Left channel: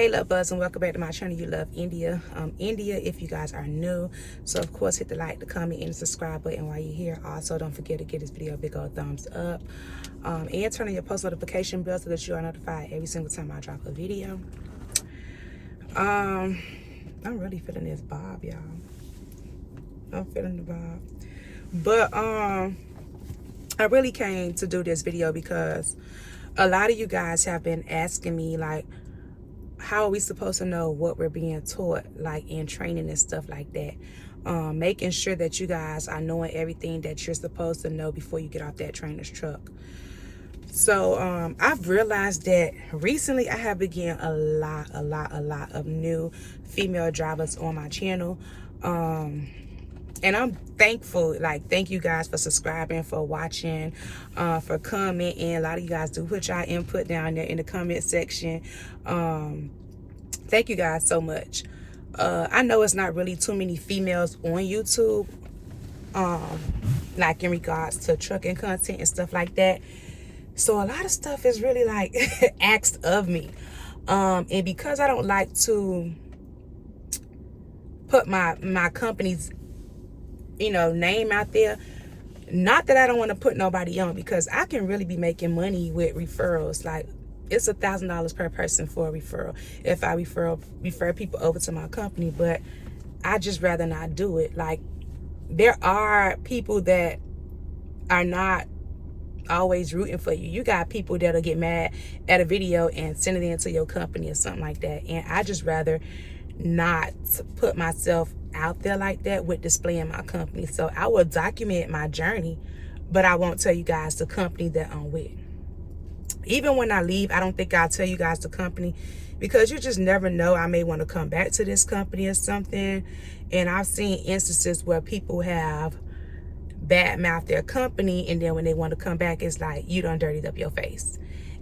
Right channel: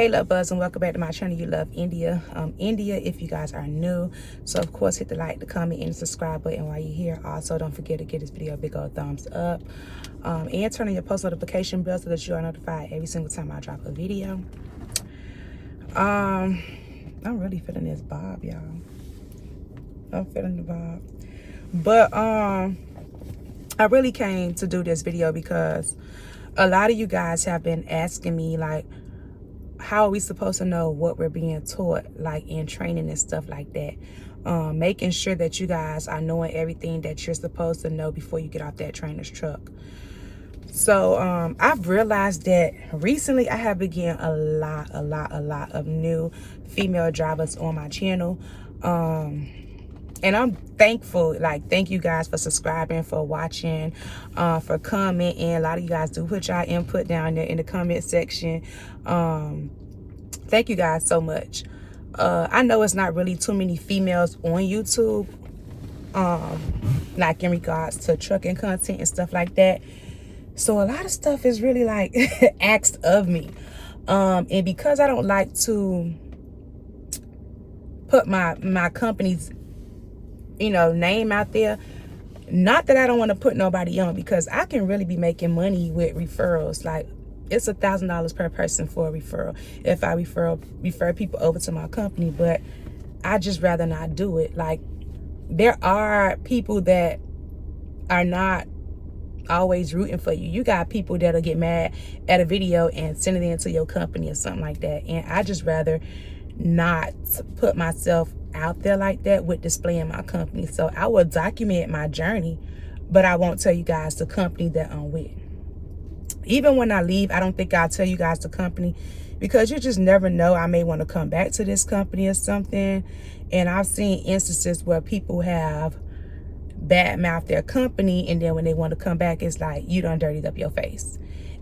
Hey love buds, and welcome back to my channel. You Love India. India, if you guys are new, so of course hit the like, the comment, and the subscribe button while you're here. Also, don't forget to give this video a big old thumbs up, and turn on your post notification bell so that you are notified every single time I drop a video. I'm really feeling this bob, y'all. I'm feeling the bob, but I really came to do this video because a lot of you guys have been asking me, like, how are we supposed to know what we're being taught, like in training and stuff like that? Making sure that you guys are knowing everything that you're supposed to know before you get off that trainer's truck. So I've realized that recently I have begun a lot of new female drivers on my channel. And I'm thankful, like, thank you guys for subscribing, for watching, for commenting. A lot of you guys do put y'all input down there in the comment section. Thank you guys so much. I know it's not really too many females on YouTube, like in regards to trucking content and stuff like that. So a lot of stuff is really like asked of me. And because I don't like to put my company's name out there, not that I don't want to put nobody on, because I can really be making money with referrals. Like, it's $1,000 per person for a referral if I refer people over to my company, but I just rather not do it. Like, there are people that are not always rooting for you. You got people that'll get mad at a video and send it into your company or something like that, and I just rather not put myself out there like that with displaying my company. So I will document my journey, but I won't tell you guys the company that I'm with. Even when I leave, I don't think I'll tell you guys the company, because you just never know. I may want to come back to this company or something. And I've seen instances where people have badmouthed their company, and then when they want to come back, it's like, you done dirtied up your face.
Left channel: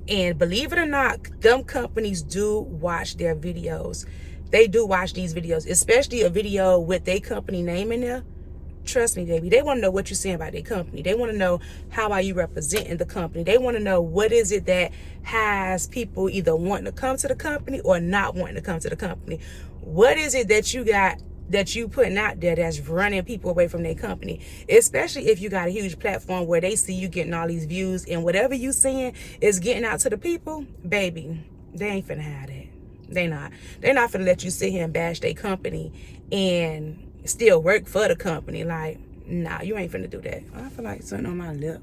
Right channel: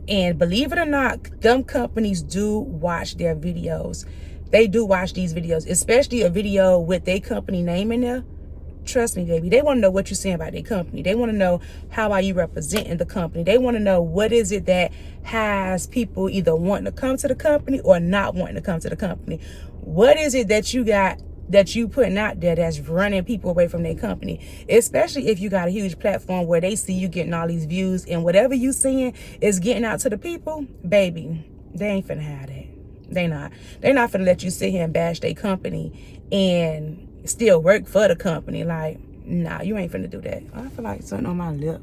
And believe it or not, them companies do watch their videos. They do watch these videos, especially a video with their company name in there. Trust me, baby, they want to know what you're saying about their company. They want to know, how are you representing the company? They want to know, what is it that has people either wanting to come to the company or not wanting to come to the company? What is it that you got that you putting out there that's running people away from their company? Especially if you got a huge platform where they see you getting all these views, and whatever you saying is getting out to the people, baby, they ain't finna have that. They're not finna let you sit here and bash their company and still work for the company. Like, nah, you ain't finna do that. I feel like something on my lip.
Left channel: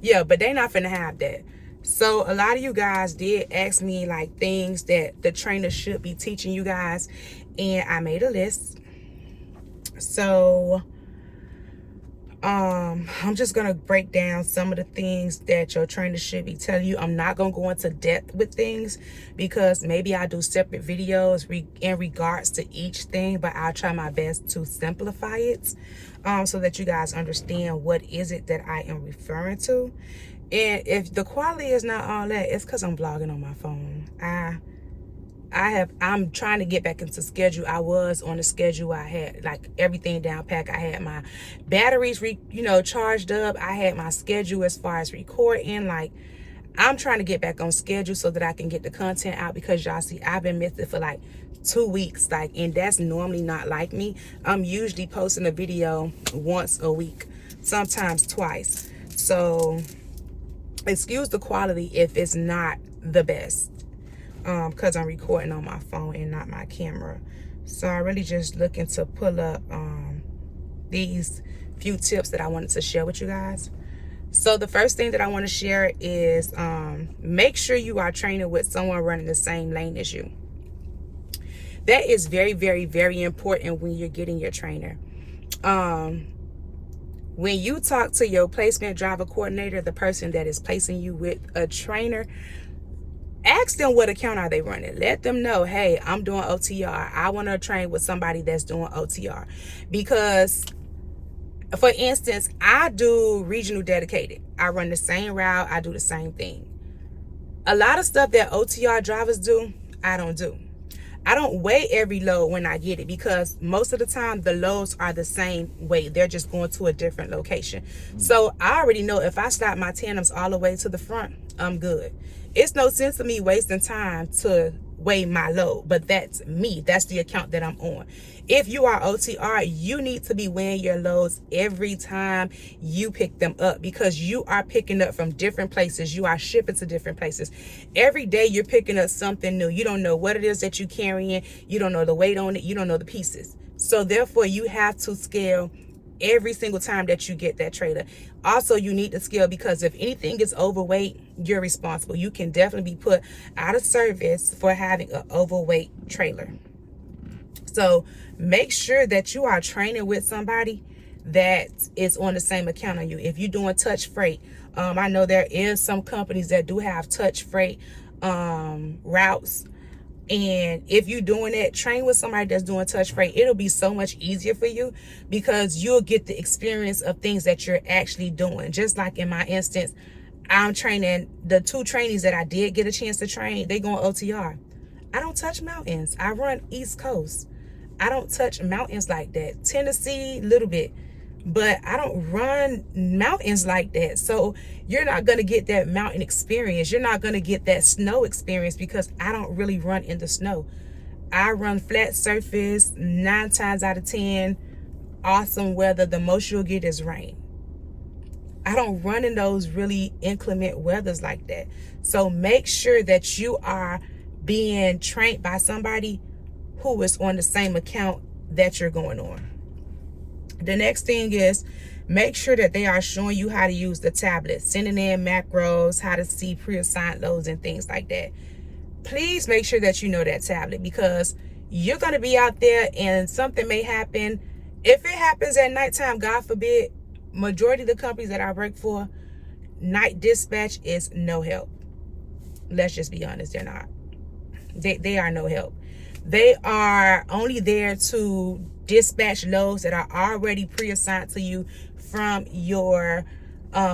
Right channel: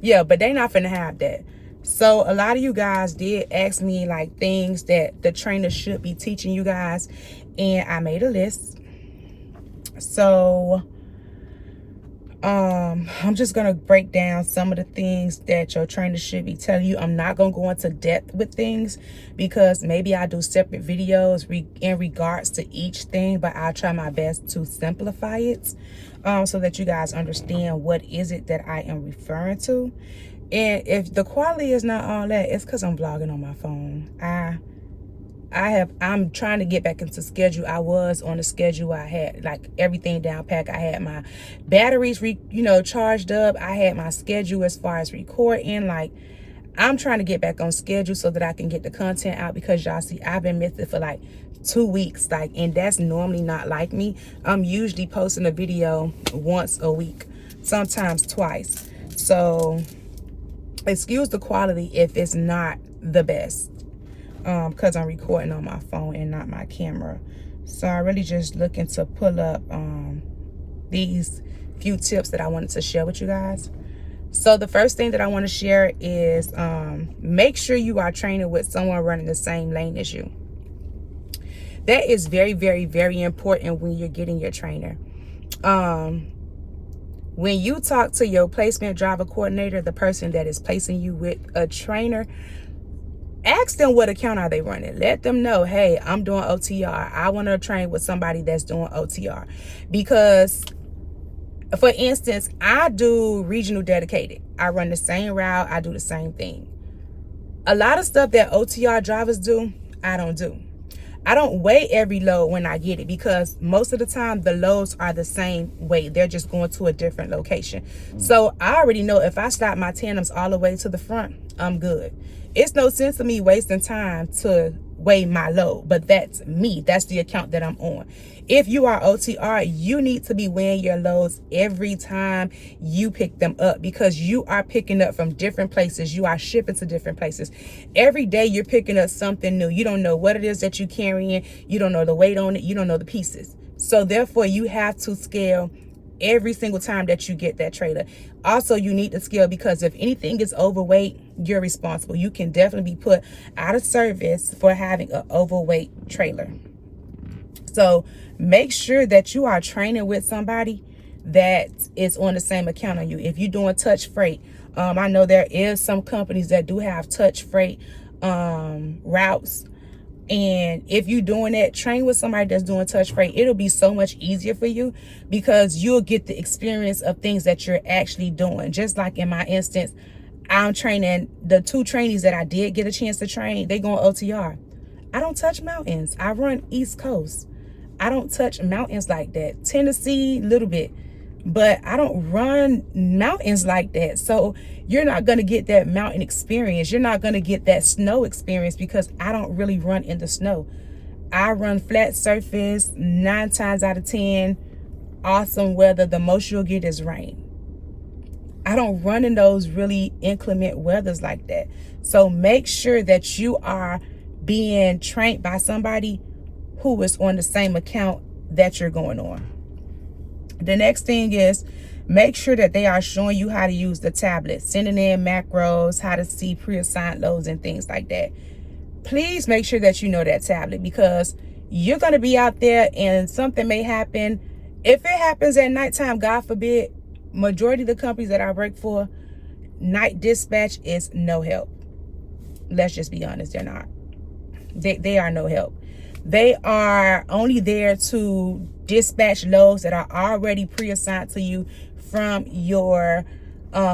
Yeah, but they not finna have that. So a lot of you guys did ask me, like, things that the trainer should be teaching you guys, and I made a list. So I'm just gonna break down some of the things that your trainer should be telling you. I'm not gonna go into depth with things, because maybe I do separate videos in regards to each thing, but I'll try my best to simplify it, so that you guys understand what is it that I am referring to. And if the quality is not all that, it's because I'm vlogging on my phone. I'm trying to get back into schedule. I was on a schedule. I had, like, everything down packed. I had my batteries charged up. I had my schedule as far as recording. Like, I'm trying to get back on schedule so that I can get the content out, because y'all see, I've been missing for like 2 weeks, like, and that's normally not like me. I'm usually posting a video once a week, sometimes twice. So excuse the quality if it's not the best, because I'm recording on my phone and not my camera. So I really just looking to pull up these few tips that I wanted to share with you guys. So the first thing that I want to share is make sure you are training with someone running the same lane as you. That is very, very, very important when you're getting your trainer. When you talk to your placement driver coordinator, the person that is placing you with a trainer, ask them what account are they running. Let them know, hey, I'm doing OTR. I want to train with somebody that's doing OTR. Because, for instance, I do regional dedicated. I run the same route. I do the same thing. A lot of stuff that OTR drivers do, I don't do. I don't weigh every load when I get it, because most of the time the loads are the same weight. They're just going to a different location. So I already know if I slide my tandems all the way to the front, I'm good. It's no sense of me wasting time to weigh my load, but that's me. That's the account that I'm on. If you are OTR, you need to be weighing your loads every time you pick them up, because you are picking up from different places. You are shipping to different places. Every day you're picking up something new. You don't know what it is that you're carrying. You don't know the weight on it. You don't know the pieces. So therefore you have to scale every single time that you get that trailer. Also, you need to scale, because if anything is overweight, you're responsible. You can definitely be put out of service for having an overweight trailer. So make sure that you are training with somebody that is on the same account on you. If you're doing touch freight, I know there is some companies that do have touch freight routes. And if you're doing that, train with somebody that's doing touch freight. It'll be so much easier for you, because you'll get the experience of things that you're actually doing. Just like in my instance, I'm training the 2 trainees that I did get a chance to train. They going OTR. I don't touch mountains. I run East Coast. I don't touch mountains like that. Tennessee, a little bit, but I don't run mountains like that. So you're not going to get that mountain experience. You're not going to get that snow experience, because I don't really run in the snow. I run flat surface 9 times out of 10. Awesome weather. The most you'll get is rain. I don't run in those really inclement weathers like that. So make sure that you are being trained by somebody who is on the same account that you're going on. The next thing is, make sure that they are showing you how to use the tablet, sending in macros, how to see pre-assigned loads and things like that. Please make sure that you know that tablet, because you're going to be out there and something may happen. If it happens at nighttime, God forbid, majority of the companies that I work for, night dispatch is no help. Let's just be honest, they're not. They are no help. They are only there to dispatch loads that are already pre-assigned to you from your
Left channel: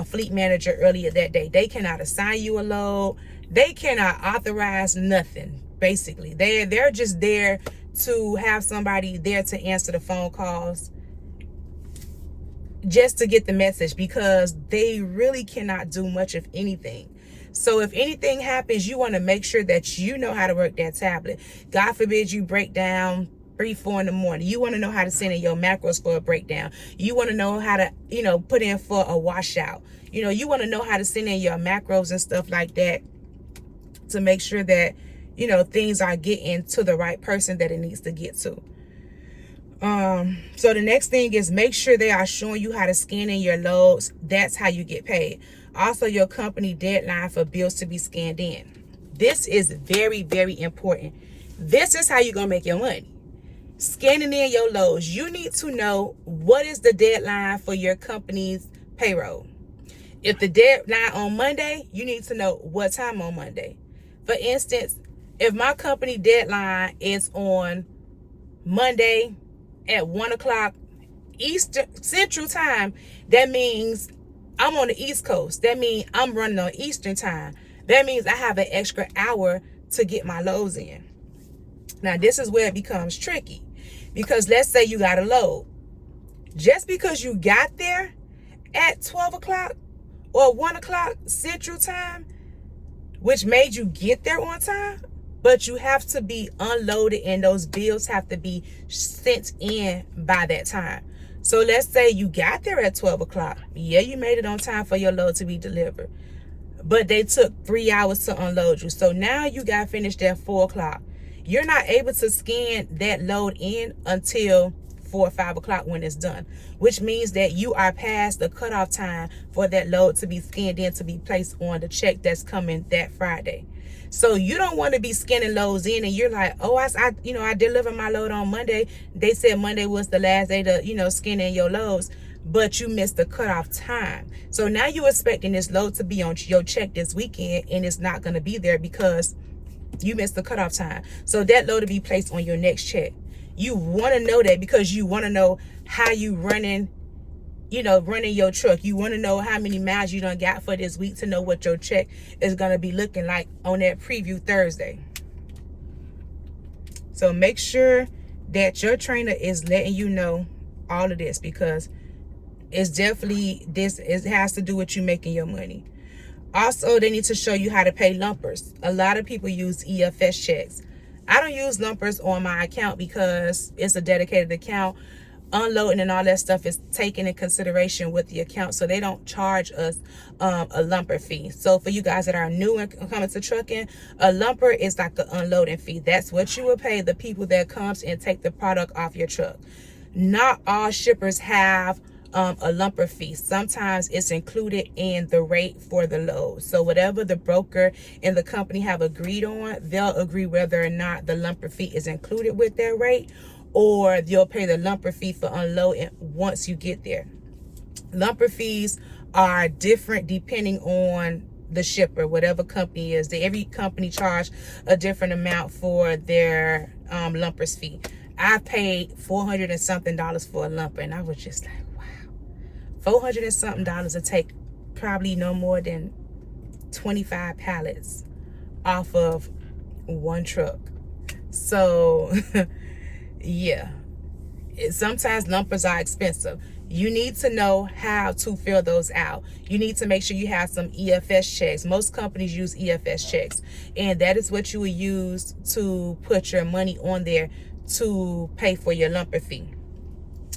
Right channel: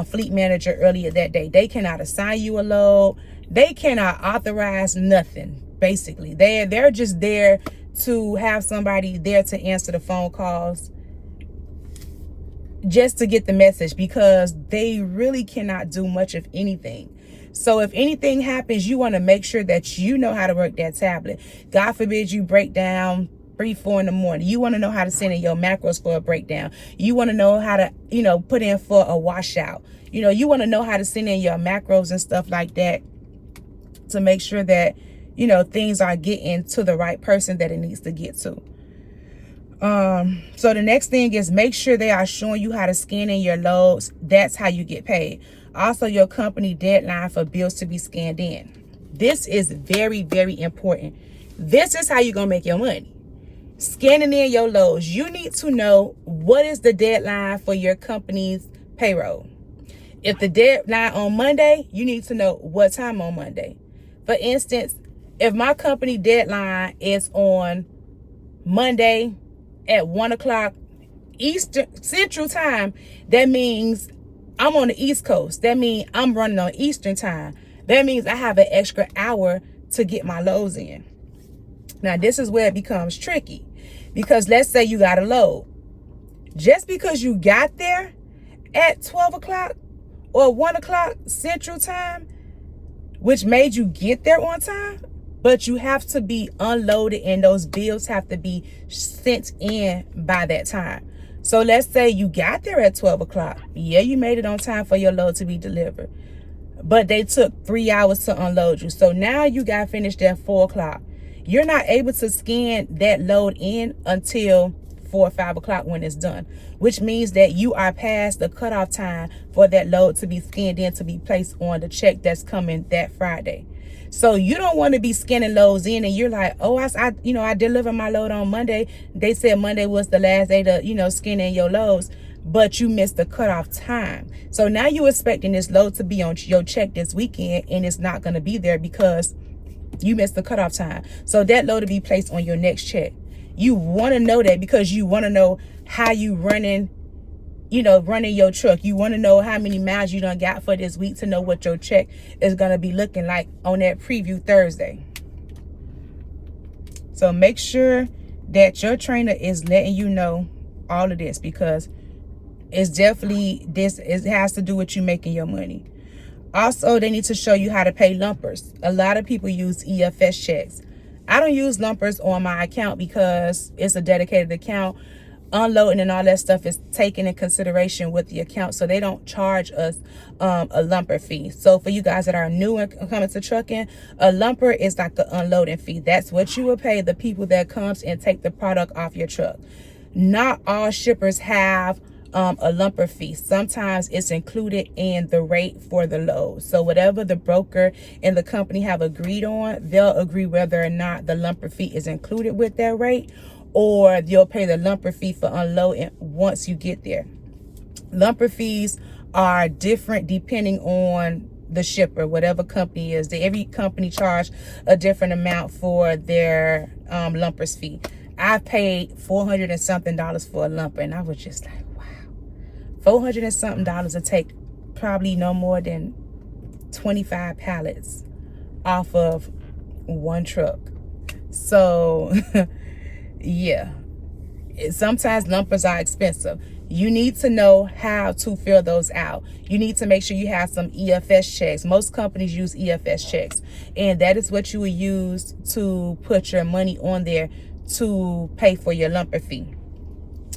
fleet manager earlier that day. They cannot assign you a load. They cannot authorize nothing, basically. They're just there to have somebody there to answer the phone calls, just to get the message, because they really cannot do much of anything. So if anything happens, you want to make sure that you know how to work that tablet. God forbid you break down 3, 4 in the morning. You want to know how to send in your macros for a breakdown. You want to know how to, put in for a washout. You want to know how to send in your macros and stuff like that, to make sure that, things are getting to the right person that it needs to get to. So the next thing is, make sure they are showing you how to scan in your loads. That's how you get paid. Also, your company deadline for bills to be scanned in. This is very, very important. This is how you're going to make your money. Scanning in your loads. You need to know what is the deadline for your company's payroll. If the deadline on Monday, you need to know what time on Monday. For instance, if my company deadline is on Monday at 1 o'clock Eastern Central Time, that means I'm on the East Coast. That means I'm running on Eastern Time. That means I have an extra hour to get my loads in. Now, this is where it becomes tricky, because let's say you got a load. Just because you got there at 12 o'clock or 1 o'clock Central Time, which made you get there on time, but you have to be unloaded and those bills have to be sent in by that time. So let's say you got there at 12 o'clock. Yeah, you made it on time for your load to be delivered, but they took 3 hours to unload you. So now you got finished at 4 o'clock. You're not able to scan that load in until 4 or 5 o'clock when it's done, which means that you are past the cutoff time for that load to be scanned in to be placed on the check that's coming that Friday. So you don't want to be scanning loads in and you're like, oh, I delivered my load on Monday. They said Monday was the last day to, scan in your loads, but you missed the cutoff time. So now you're expecting this load to be on your check this weekend, and it's not going to be there because you missed the cutoff time. So that load to be placed on your next check. You want to know that because you want to know how you running your truck. You want to know how many miles you done got for this week to know what your check is going to be looking like on that preview Thursday. So make sure that your trainer is letting you know all of this, because it's definitely it has to do with you making your money. Also, they need to show you how to pay lumpers. A lot of people use EFS checks. I don't use lumpers on my account because it's a dedicated account. Unloading and all that stuff is taken in consideration with the account, so they don't charge us a lumper fee. So for you guys that are new and coming to trucking, a lumper is like the unloading fee. That's what you will pay the people that comes and take the product off your truck. Not all shippers have a lumper fee. Sometimes it's included in the rate for the load. So whatever the broker and the company have agreed on, they'll agree whether or not the lumper fee is included with their rate, or you'll pay the lumper fee for unloading once you get there. Lumper fees are different depending on the shipper, whatever company is. Every company charge a different amount for their lumpers fee. I paid $400 and something for a lumper, and I was just like, $400 and something to take probably no more than 25 pallets off of one truck. So yeah, sometimes lumpers are expensive. You need to know how to fill those out. You need to make sure you have some EFS checks. Most companies use EFS checks, and that is what you will use to put your money on there to pay for your lumper fee.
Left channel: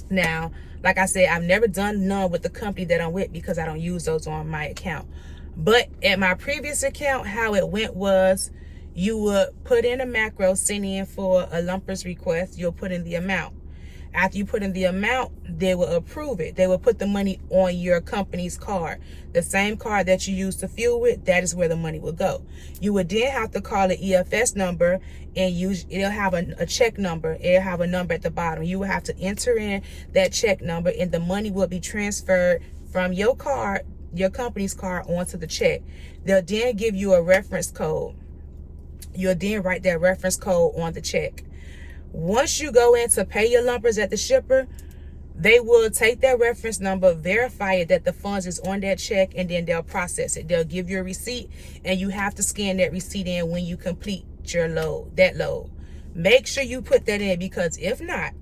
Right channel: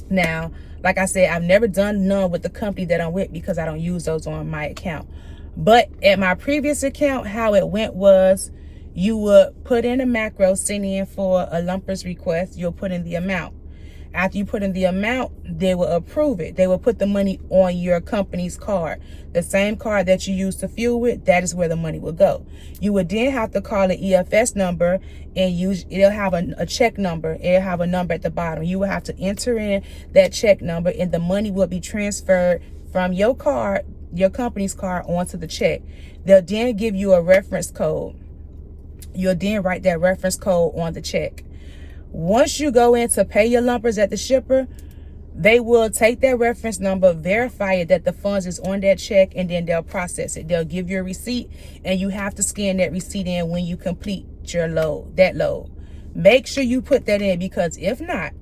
Now, like I said, I've never done none with the company that I'm with because I don't use those on my account. But at my previous account, how it went was you would put in a macro, send in for a lumpers request. You'll put in the amount. After you put in the amount, they will approve it. They will put the money on your company's card. The same card that you use to fuel with, that is where the money will go. You would then have to call the EFS number, and it'll have a check number. It'll have a number at the bottom. You will have to enter in that check number, and the money will be transferred from your card, your company's card, onto the check. They'll then give you a reference code. You'll then write that reference code on the check. Once you go in to pay your lumpers at the shipper, they will take that reference number, verify it that the funds is on that check, and then they'll process it. They'll give you a receipt, and you have to scan that receipt in when you complete your load. Make sure you put that in, because if not,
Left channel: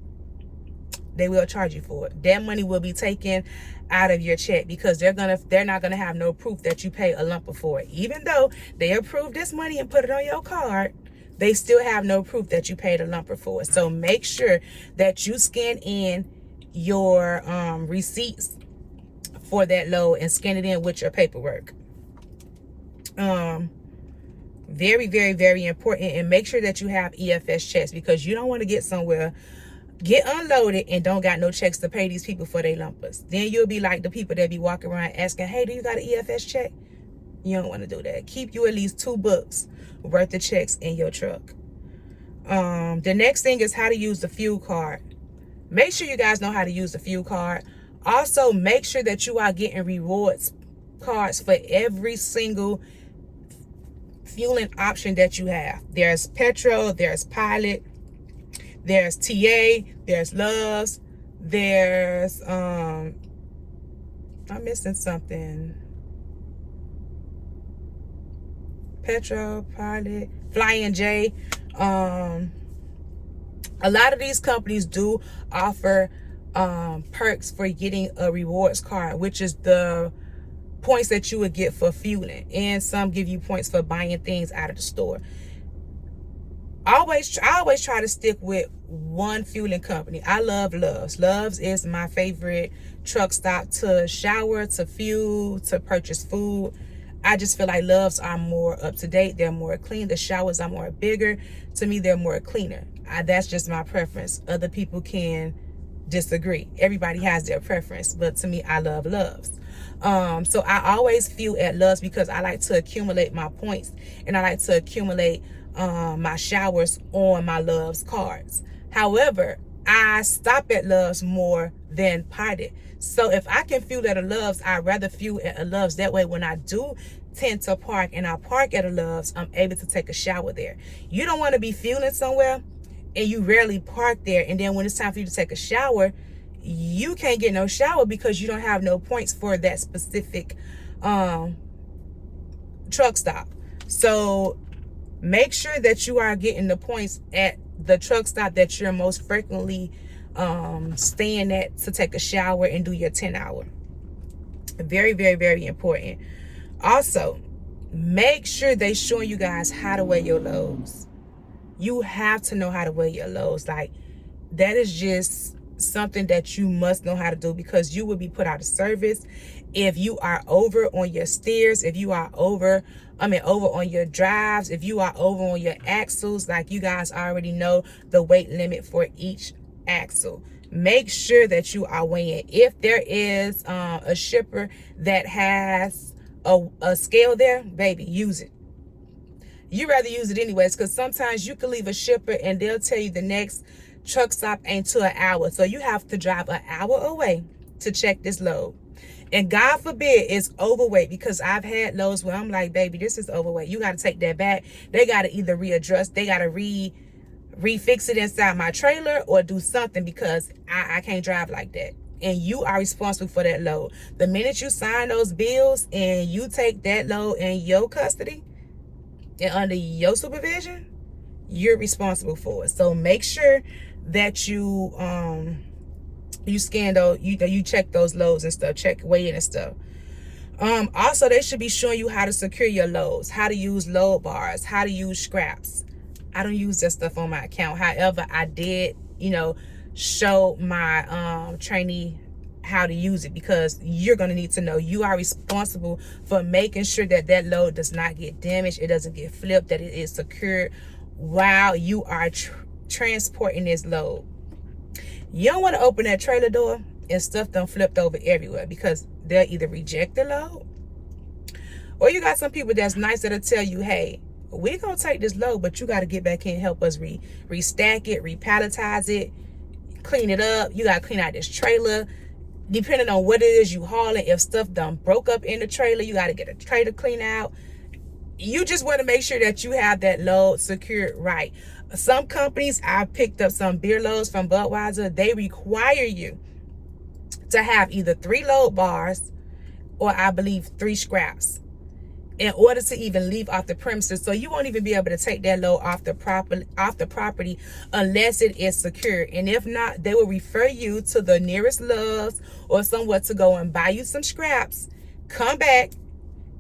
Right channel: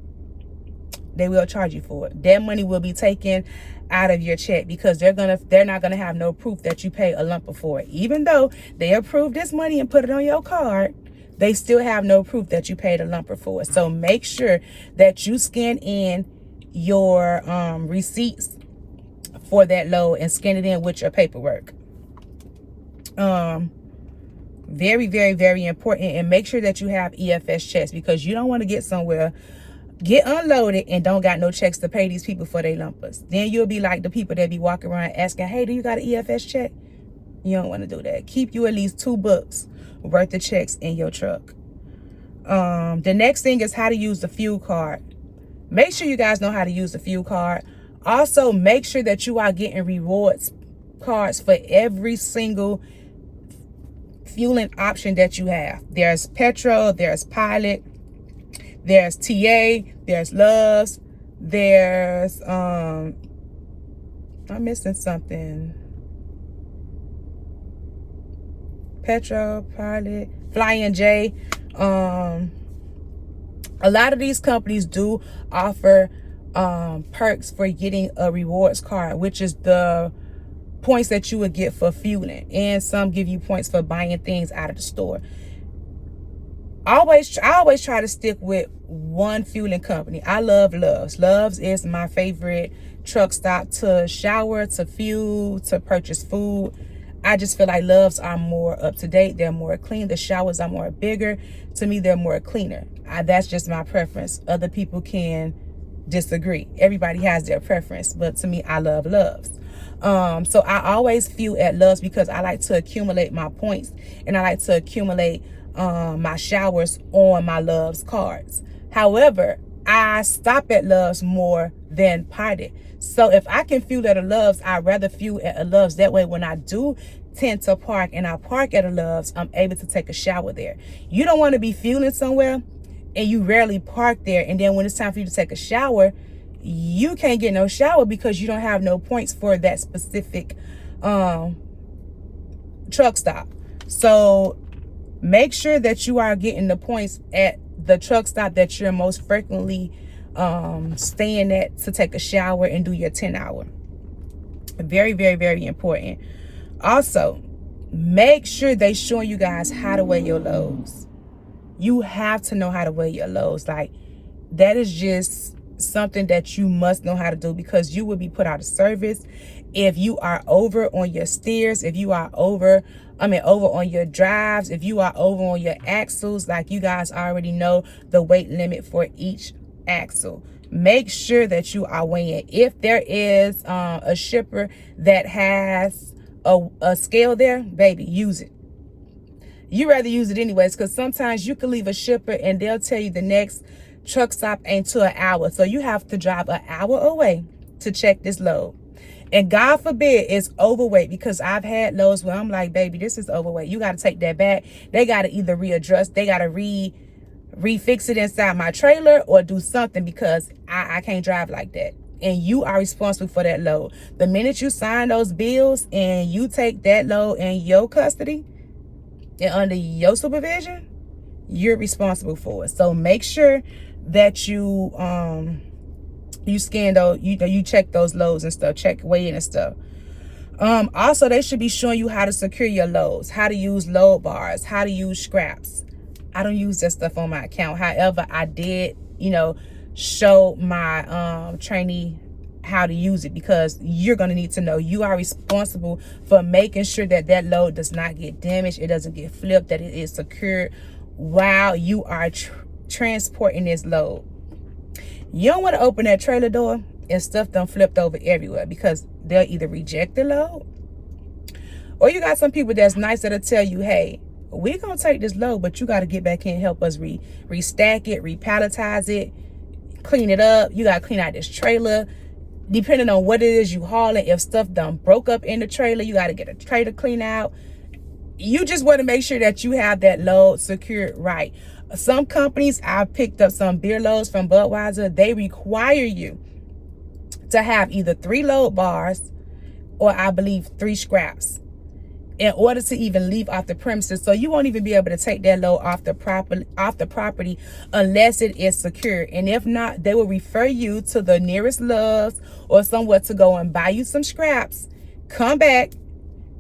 they will charge you for it. That money will be taken out of your check, because they're not gonna have no proof that you pay a lumper for it. Even though they approved this money and put it on your card, they still have no proof that you paid a lumper for it. So make sure that you scan in your receipts for that load and scan it in with your paperwork. Very, very, very important. And make sure that you have EFS checks, because you don't want to get somewhere, get unloaded, and don't got no checks to pay these people for their lumpers. Then you'll be like the people that be walking around asking, hey, do you got an EFS check? You don't want to do that. Keep you at least 2 books worth of checks in your truck. The next thing is how to use the fuel card. Make sure you guys know how to use the fuel card. Also, make sure that you are getting rewards cards for every single fueling option that you have. There's petrol, there's pilot, there's TA, there's Loves, there's I'm missing something. Petrol, pilot, Flying J. A lot of these companies do offer perks for getting a rewards card, which is the points that you would get for fueling, and some give you points for buying things out of the store. I always try to stick with one fueling company. I love Loves. Loves is my favorite truck stop to shower, to fuel, to purchase food. I just feel like Loves are more up to date. They're more clean. The showers are more bigger. To me, they're more cleaner. That's just my preference. Other people can disagree. Everybody has their preference, but to me, I love Loves. So I always fuel at Loves because I like to accumulate my points, and I like to accumulate my showers on my Loves cards. However, I stop at Loves more than Pilot. So if I can fuel at a Loves, I'd rather fuel at a Loves. That way, when I do tend to park and I park at a Loves, I'm able to take a shower there. You don't want to be fueling somewhere and you rarely park there, and then when it's time for you to take a shower, you can't get no shower because you don't have no points for that specific truck stop. So make sure that you are getting the points at the truck stop that you're most frequently staying at to take a shower and do your 10-hour. Very, very, very important. Also, make sure they showing you guys how to weigh your loads. You have to know how to weigh your loads. Like, that is just something that you must know how to do, because you will be put out of service if you are over on your steers, if you are over on your drives, if you are over on your axles. Like, you guys already know the weight limit for each axle. Make sure that you are weighing. If there is a shipper that has a scale there, baby, use it. You rather use it anyways, because sometimes you can leave a shipper and they'll tell you the next truck stop ain't to an hour. So you have to drive an hour away to check this load. And God forbid it's overweight, because I've had loads where I'm like, baby, this is overweight. You got to take that back. They got to either readjust, they got to refix it inside my trailer, or do something, because I can't drive like that. And you are responsible for that load. The minute you sign those bills and you take that load in your custody and under your supervision, you're responsible for it. So make sure that you scan those, you check those loads and stuff, check weighing and stuff. Also, they should be showing you how to secure your loads, how to use load bars, how to use scraps. I don't use that stuff on my account. However, I did, show my trainee how to use it, because you're going to need to know. You are responsible for making sure that that load does not get damaged, it doesn't get flipped, that it is secured while you are transporting this load. You don't want to open that trailer door and stuff done flipped over everywhere, because they'll either reject the load, or you got some people that's nice that'll tell you, hey, we're going to take this load, but you got to get back in and help us restack it, repalletize it, clean it up. You got to clean out this trailer. Depending on what it is you hauling, if stuff done broke up in the trailer, you got to get a trailer clean out. You just want to make sure that you have that load secured right. Some companies, I've picked up some beer loads from Budweiser, they require you to have either 3 load bars or I believe 3 scraps in order to even leave off the premises. So you won't even be able to take that load off the property unless it is secure. And if not, they will refer you to the nearest Love's or somewhere to go and buy you some scraps, come back,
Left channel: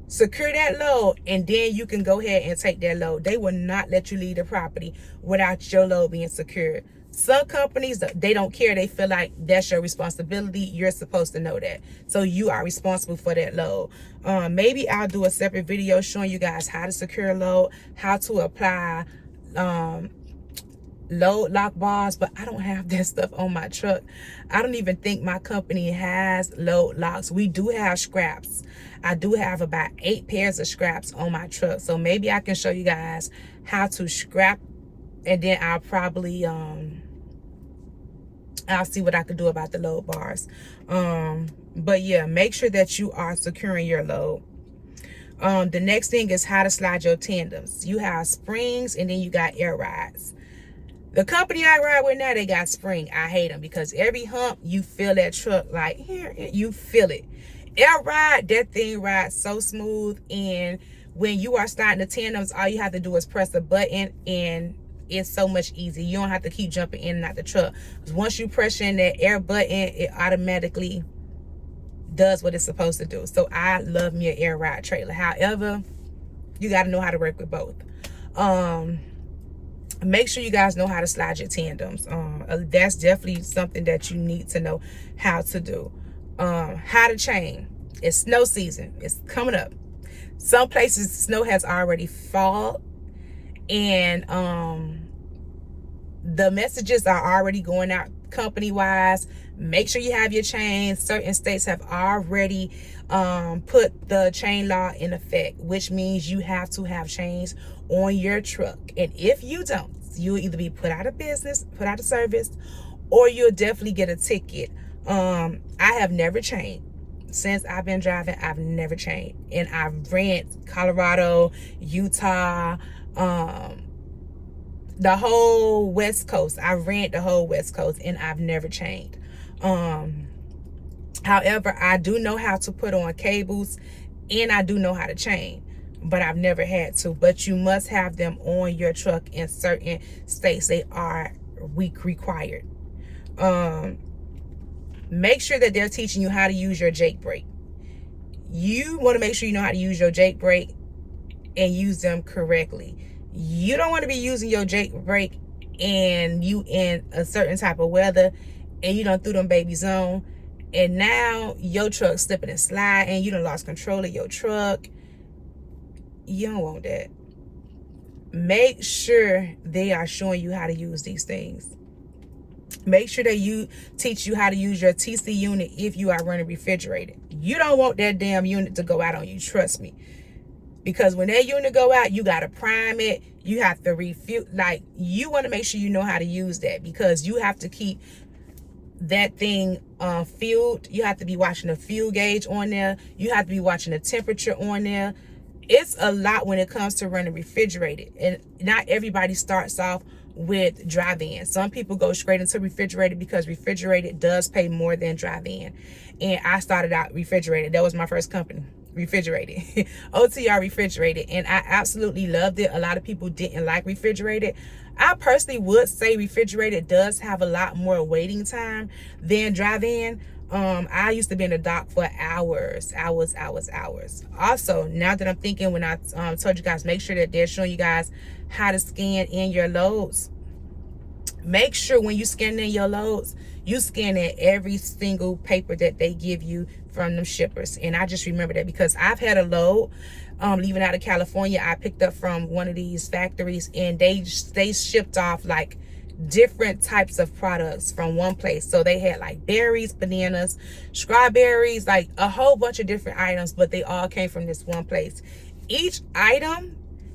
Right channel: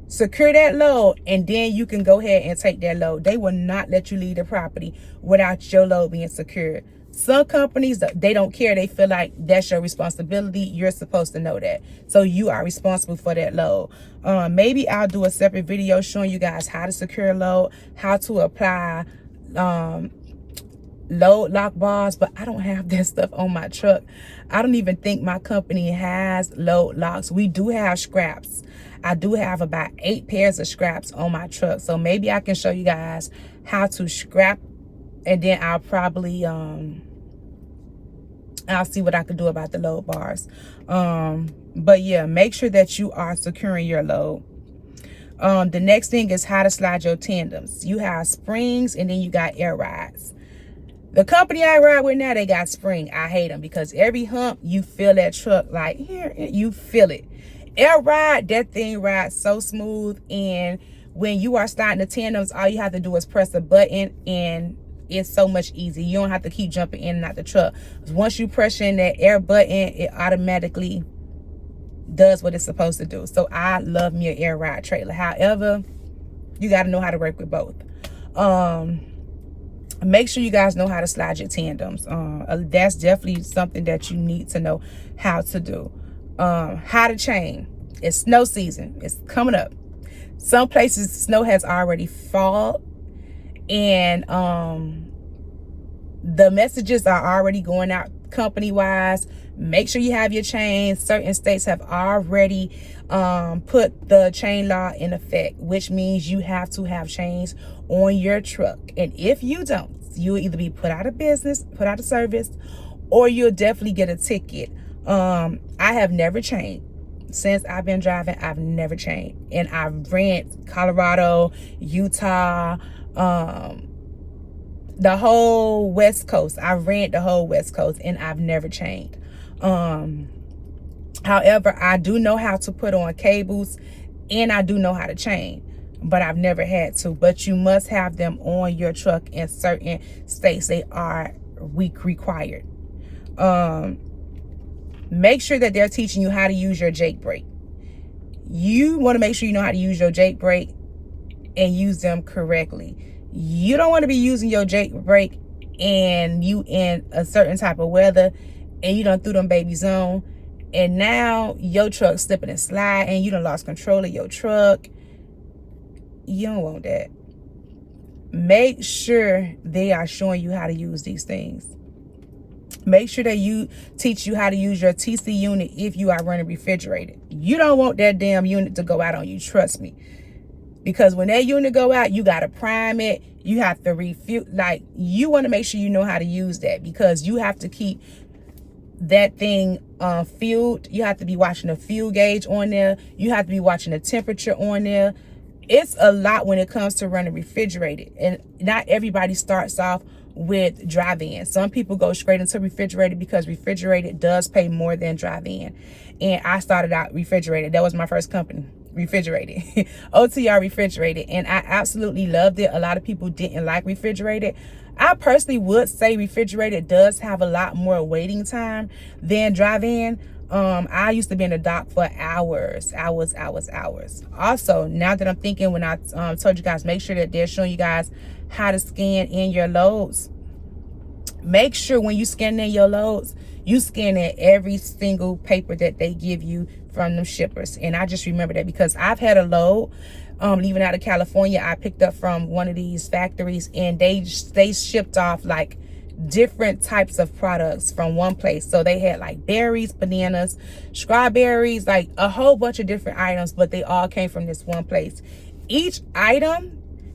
secure that load, and then you can go ahead and take that load. They will not let you leave the property without your load being secured. Some companies, they don't care. They feel like that's your responsibility. You're supposed to know that. So you are responsible for that load. Maybe I'll do a separate video showing you guys how to secure a load, how to apply load lock bars, but I don't have that stuff on my truck. I don't even think my company has load locks. We do have scraps. I do have about 8 pairs of scraps on my truck. So maybe I can show you guys how to scrap, and then I'll probably I'll see what I can do about the load bars. But yeah, make sure that you are securing your load. The next thing is how to slide your tandems. You have springs, and then you got air rides. The company I ride with now, they got spring. I hate them, because every hump you feel that truck, like here, you feel it. Air ride, that thing rides so smooth, and when you are starting the tandems, all you have to do is press a button, and it's so much easier. You don't have to keep jumping in and out the truck. Once you press in that air button, it automatically does what it's supposed to do. So I love me an air ride trailer. However, you got to know how to work with both. Make sure you guys know how to slide your tandems. That's definitely something that you need to know how to do. How to chain. It's snow season. It's coming up. Some places snow has already fallen, and the messages are already going out company wise. Make sure you have your chains. Certain states have already put the chain law in effect, which means you have to have chains on your truck. And if you don't, you'll either be put out of business, put out of service, or you'll definitely get a ticket. I have never chained. Since I've been driving, I've never chained. And I've ran Colorado, Utah, the whole West Coast. I've ran the whole West Coast, and I've never chained. However, I do know how to put on cables, and I do know how to chain. but I've never had to. But you must have them on your truck in certain states. They are required. Make sure that they're teaching you how to use your Jake brake. You want to make sure you know how to use your Jake brake and use them correctly. You don't want to be using your Jake brake and you in a certain type of weather and you done threw them babies on, and now your truck slipping and slide and you done lost control of your truck. You don't want that. Make sure they are showing you how to use these things. Make sure that teach you how to use your TC unit if you are running refrigerated. You don't want that damn unit to go out on you, trust me. Because when that unit go out, you got to prime it. You have to refuel. Like, you want to make sure you know how to use that, because you have to keep that thing fueled. You have to be watching the fuel gauge on there. You have to be watching the temperature on there. It's a lot when it comes to running refrigerated. And not everybody starts off with drive-in. Some people go straight into refrigerated because refrigerated does pay more than drive-in. And I started out refrigerated. That was my first company, refrigerated. OTR refrigerated. And I absolutely loved it. A lot of people didn't like refrigerated. I personally would say refrigerated does have a lot more waiting time than drive-in. I used to be in the dock for hours. Also, now that I'm thinking, when I told you guys, make sure that they're showing you guys how to scan in your loads. Make sure when you scan in your loads, you scan in every single paper that they give you from them shippers. And I just remember that because I've had a load leaving out of California. I picked up from one of these factories, and they shipped off like different types of products from one place. So they had like berries, bananas, strawberries, like a whole bunch of different items, but they all came from this one place. Each item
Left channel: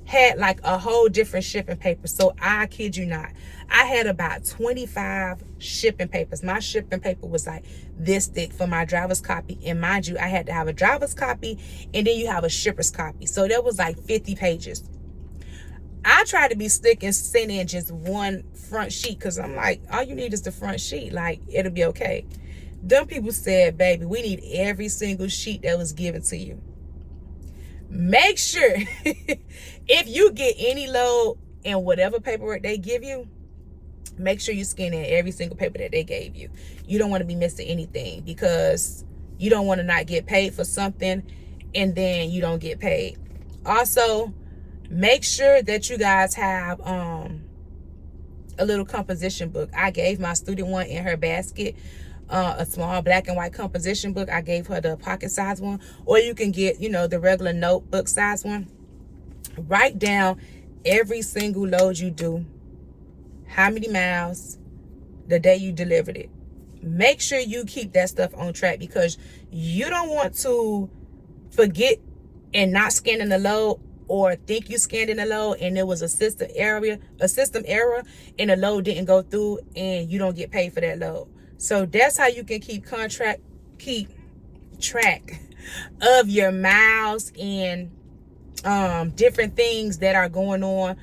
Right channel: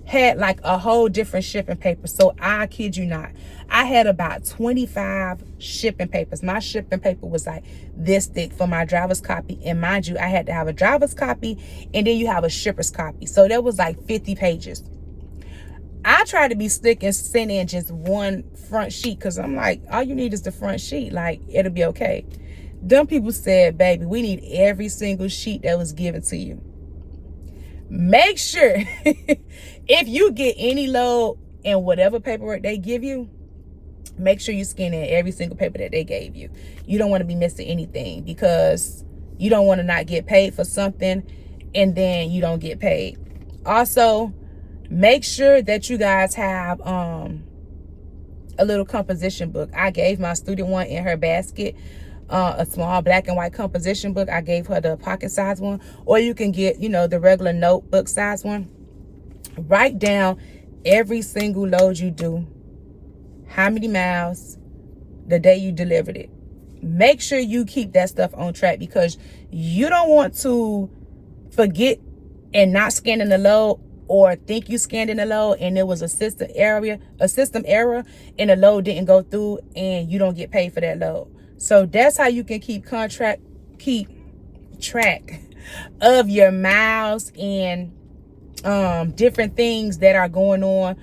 had like a whole different shipping paper. So I kid you not, I had about 25 shipping papers. My shipping paper was like this thick for my driver's copy. And mind you, I had to have a driver's copy and then you have a shipper's copy. So that was like 50 pages. I tried to be slick and send in just one front sheet, because I'm like, all you need is the front sheet. Like, it'll be okay. Them people said, baby, we need every single sheet that was given to you. Make sure if you get any load and whatever paperwork they give you, make sure you scan in every single paper that they gave you. You don't want to be missing anything, because you don't want to not get paid for something and then you don't get paid. Also, make sure that you guys have a little composition book. I gave my student one in her basket, a small black and white composition book. I gave her the pocket size one, or you can get, the regular notebook size one. Write down every single load you do, how many miles, the day you delivered it. Make sure you keep that stuff on track, because you don't want to forget and not scan in the load, or think you scanned in the load and there was a system error and the load didn't go through and you don't get paid for that load. So that's how you can keep track of your miles and different things that are going on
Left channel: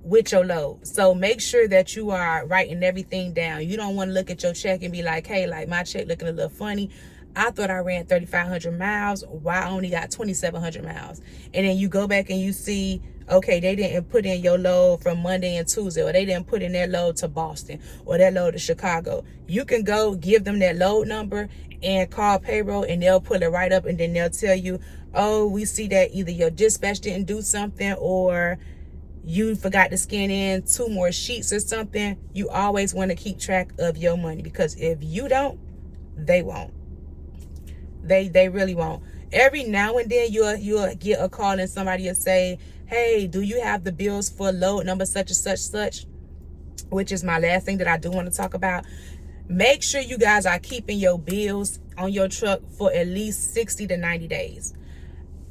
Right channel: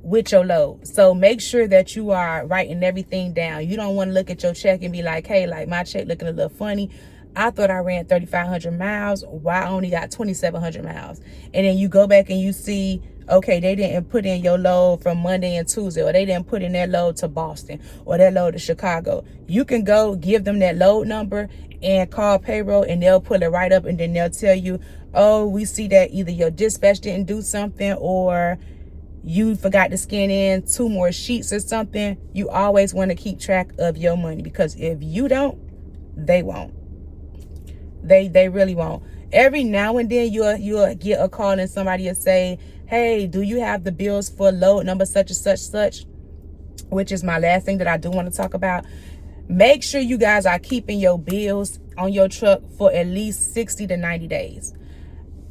with your load. So make sure that you are writing everything down. You don't want to look at your check and be like, hey, like my check looking a little funny. I thought I ran 3,500 miles. Why I only got 2,700 miles? And then you go back and you see, okay, they didn't put in your load from Monday and Tuesday, or they didn't put in their load to Boston, or that load to Chicago. You can go give them that load number and call payroll, and they'll pull it right up, and then they'll tell you, oh, we see that either your dispatch didn't do something, or you forgot to scan in 2 more sheets or something. You always want to keep track of your money, because if you don't, they won't. They really won't. Every now and then you'll get a call and somebody will say, hey, do you have the bills for load number such and such, which is my last thing that I do want to talk about. Make sure you guys are keeping your bills on your truck for at least 60 to 90 days.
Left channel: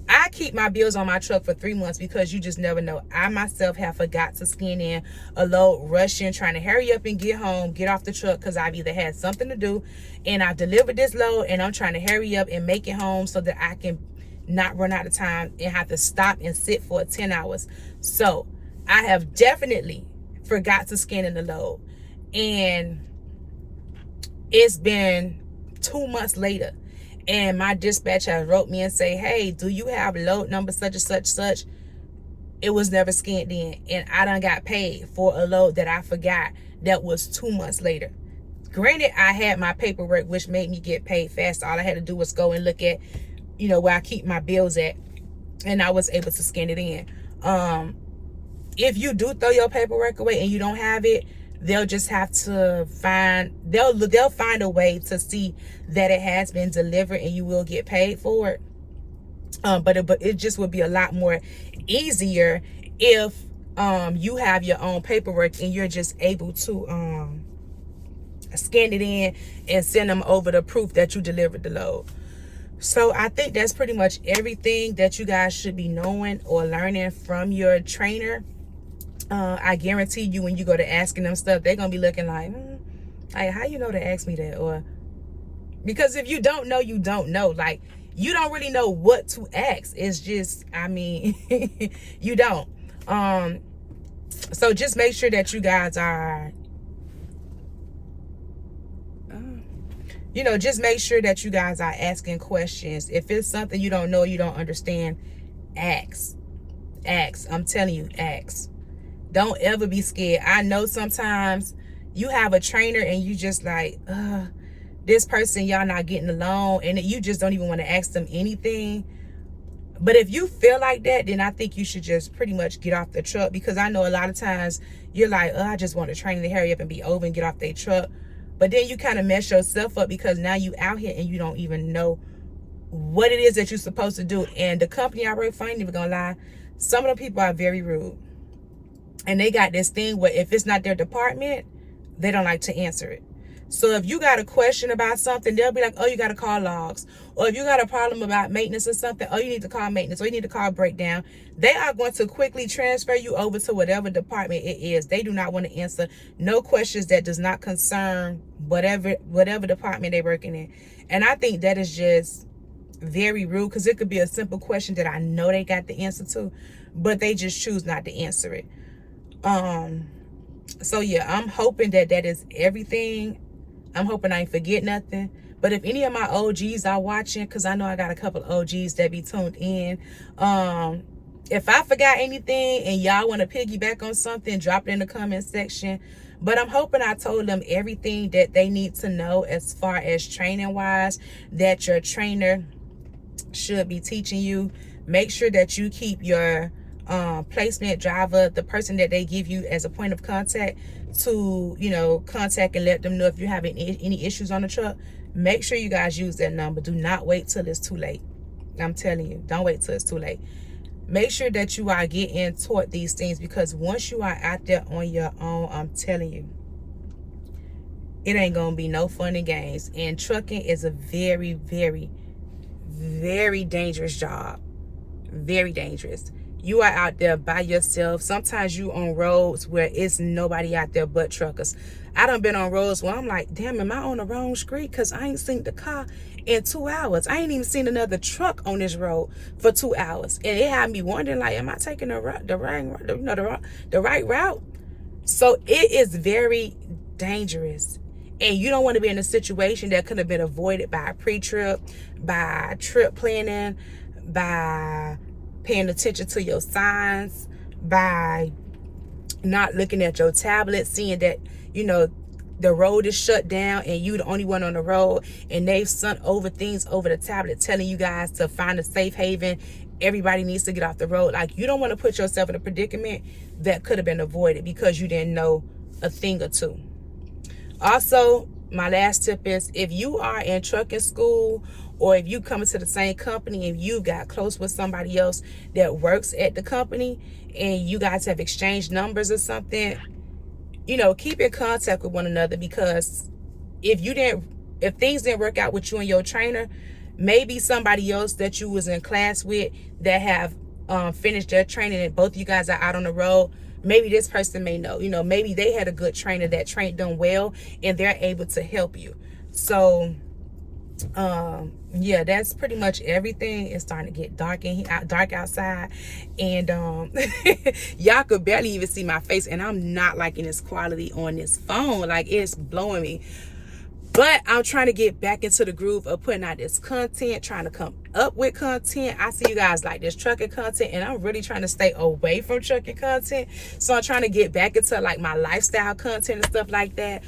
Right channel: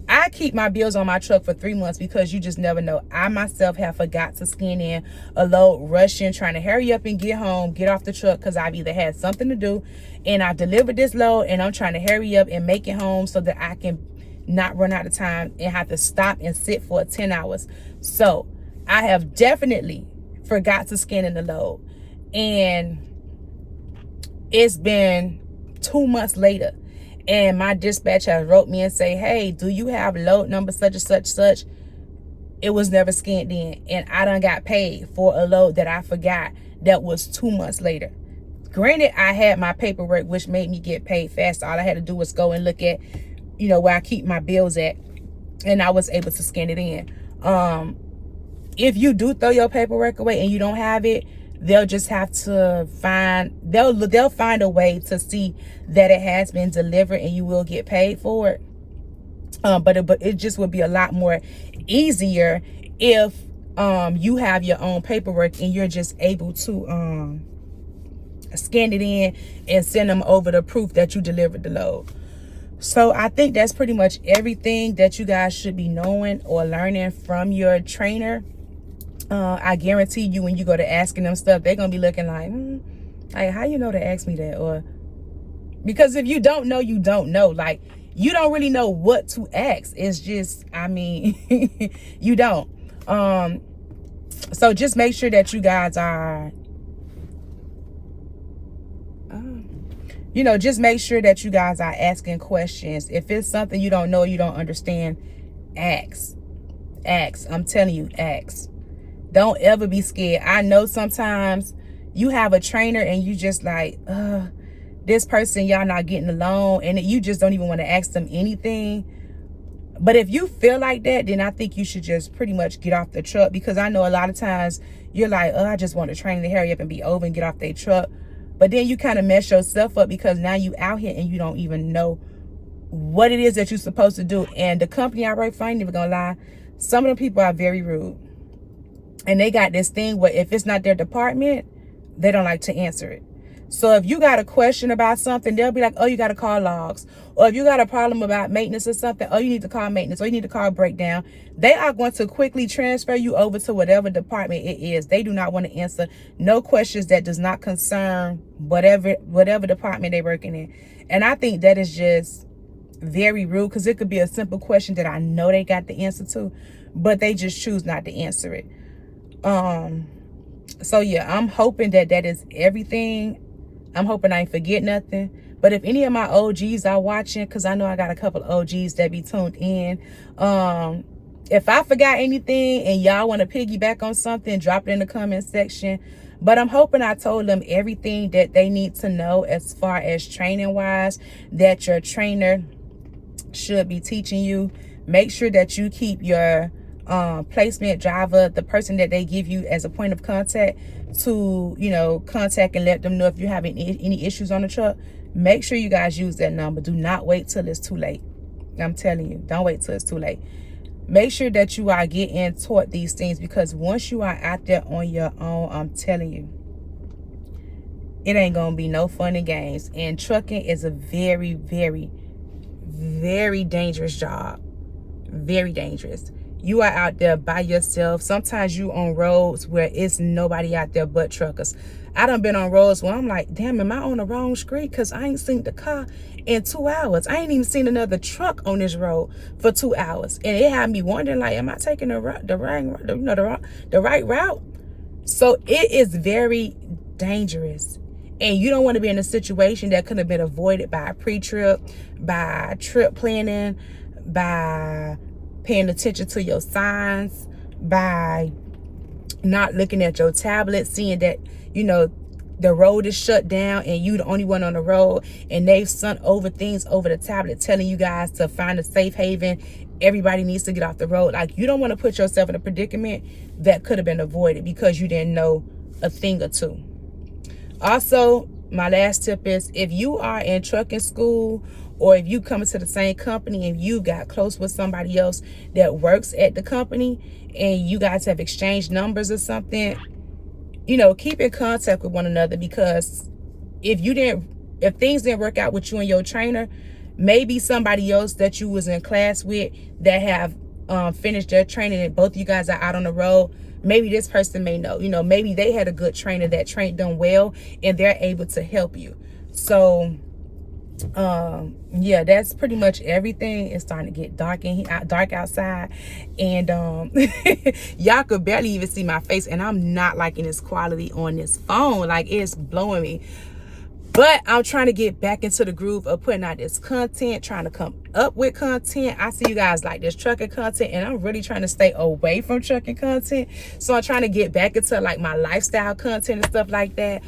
I keep my bills on my truck for 3 months, because you just never know. I myself have forgot to scan in a load, rushing, trying to hurry up and get home, get off the truck, because I've either had something to do and I delivered this load and I'm trying to hurry up and make it home so that I can not run out of time and have to stop and sit for 10 hours. So I have definitely forgot to scan in the load, and it's been 2 months later and my dispatcher wrote me and say, hey, do you have load number such and such such? It was never scanned in, and I done got paid for a load that I forgot that was 2 months later. Granted, I had my paperwork, which made me get paid fast. All I had to do was go and look at, where I keep my bills at, and I was able to scan it in. If you do throw your paperwork away and you don't have it, they'll just have to they'll find a way to see that it has been delivered, and you will get paid for it. But it just would be a lot more easier if you have your own paperwork and you're just able to scan it in and send them over the proof that you delivered the load. So I think that's pretty much everything that you guys should be knowing or learning from your trainer. I guarantee you, when you go to asking them stuff, they're gonna be looking like how you know to ask me that? Or because if you don't know, you don't know. Like, you don't really know what to ask. It's just, you don't. So just make sure that you guys are, just make sure that you guys are asking questions. If it's something you don't know, you don't understand, ask. I'm telling you, ask. Don't ever be scared. I know sometimes you have a trainer and you just like, this person, y'all not getting along, and you just don't even want to ask them anything. But if you feel like that, then I think you should just pretty much get off the truck, because I know a lot of times you're like, I just want the trainer to hurry up and be over and get off their truck. But then you kind of mess yourself up, because now you out here and you don't even know what it is that you're supposed to do. And the company I work for, I ain't even gonna lie, some of the people are very rude. And they got this thing where if it's not their department, they don't like to answer it. So if you got a question about something, they'll be like, oh, you got to call logs. Or if you got a problem about maintenance or something, oh, you need to call maintenance, or you need to call breakdown. They are going to quickly transfer you over to whatever department it is. They do not want to answer no questions that does not concern whatever department they're working in. And I think that is just very rude, because it could be a simple question that I know they got the answer to, but they just choose not to answer it. So yeah, I'm hoping that is everything. I'm hoping I ain't forget nothing. But if any of my OGs are watching, because I know I got a couple of OGs that be tuned in, if I forgot anything and y'all want to piggyback on something, drop it in the comment section. But I'm hoping I told them everything that they need to know as far as training wise, that your trainer should be teaching you. Make sure that you keep your placement driver, the person that they give you as a point of contact, to contact and let them know if you're having any issues on the truck. Make sure you guys use that number. Do not wait till it's too late. I'm telling you, don't wait till it's too late. Make sure that you are getting taught these things, because once you are out there on your own, I'm telling you, it ain't gonna be no fun and games. And trucking is a very, very, very dangerous job. Very dangerous. You are out there by yourself. Sometimes you on roads where it's nobody out there but truckers. I done been on roads where I'm like, damn, am I on the wrong street? Because I ain't seen the car in 2 hours. I ain't even seen another truck on this road for 2 hours. And it had me wondering, like, am I taking the right route? So it is very dangerous. And you don't want to be in a situation that could have been avoided by a pre-trip, by trip planning, by paying attention to your signs, by not looking at your tablet, seeing that, the road is shut down and you the only one on the road, and they've sent over things over the tablet telling you guys to find a safe haven. Everybody needs to get off the road. Like, you don't want to put yourself in a predicament that could have been avoided because you didn't know a thing or two. Also, my last tip is, if you are in trucking school, or if you come into the same company and you got close with somebody else that works at the company and you guys have exchanged numbers or something, keep in contact with one another, because if things didn't work out with you and your trainer, maybe somebody else that you was in class with that have finished their training and both of you guys are out on the road, maybe this person may know, maybe they had a good trainer that trained them well and they're able to help you. So yeah, that's pretty much everything. It's starting to get dark outside, and y'all could barely even see my face, and I'm not liking this quality on this phone. Like, it's blowing me. But I'm trying to get back into the groove of putting out this content, trying to come up with content. I see you guys like this trucking content, and I'm really trying to stay away from trucking content. So I'm trying to get back into like my lifestyle content and stuff like that.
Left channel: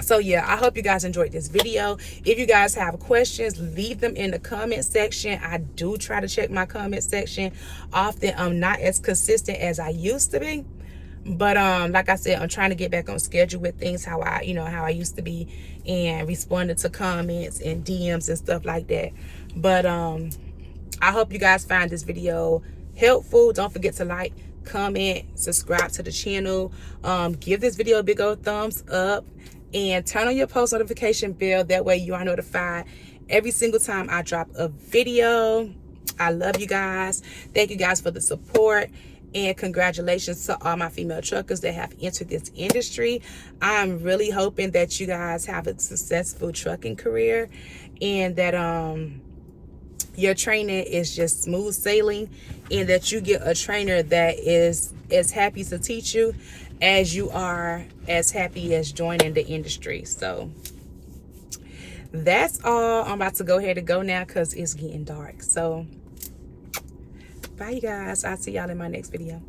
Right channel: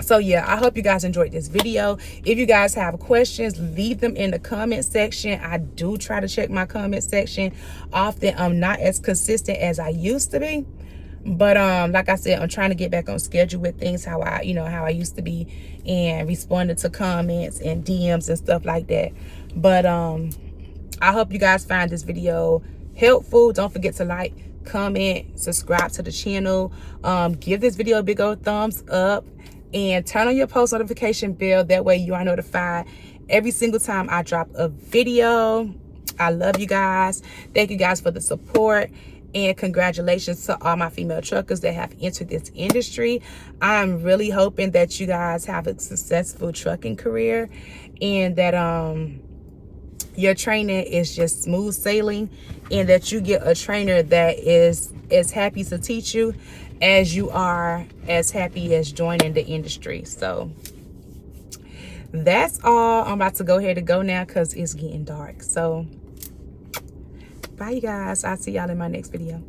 So yeah, I hope you guys enjoyed this video. If you guys have questions, leave them in the comment section. I do try to check my comment section often. I'm not as consistent as I used to be, but like I said, I'm trying to get back on schedule with things how I used to be, and responding to comments and DMs and stuff like that. But I hope you guys find this video helpful. Don't forget to like, comment, subscribe to the channel. Give this video a big old thumbs up, and turn on your post notification bell. That way you are notified every single time I drop a video. I love you guys. Thank you guys for the support, and congratulations to all my female truckers that have entered this industry. I'm really hoping that you guys have a successful trucking career, and that your training is just smooth sailing, and that you get a trainer that is as happy to teach you as you are as happy as joining the industry. So that's all. I'm about to go ahead and go now because it's getting dark. So bye, you guys. I'll see y'all in my next video.